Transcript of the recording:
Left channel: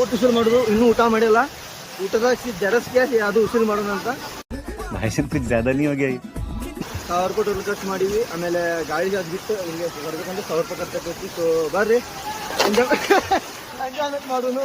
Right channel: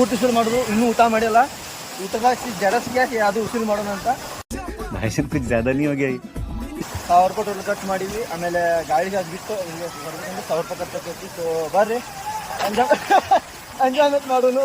ಊಟ ಉಸಿರು ಮಾಡೋದು, ಇನ್ನೂ ಊಟ ಮಾಡಿಲ್ಲ. ಊಟದಾಗ ಜಡಸ್ಗೆ ಅದು ಉಸಿರು ಮಾಡೋಣ ಅಂತ. ₹1000 ಟೋಟಲ್ ಖರ್ಚು ಮಾಡೀವಿ. ಆಮೇಲೆ ಗಾಳಿಗೆ ಅದು ಬಿಟ್ಟು ಹಿಂಗೆ ಬರ್ಬೇಕಂದ್ರೆ ₹1000 ಖರ್ಚಾಕೈತಿ. ಸೊ ಬರ್ರಿ ಎಂಜಾಯ್ಮೆಂಟ್ ಮಾಡೋನು.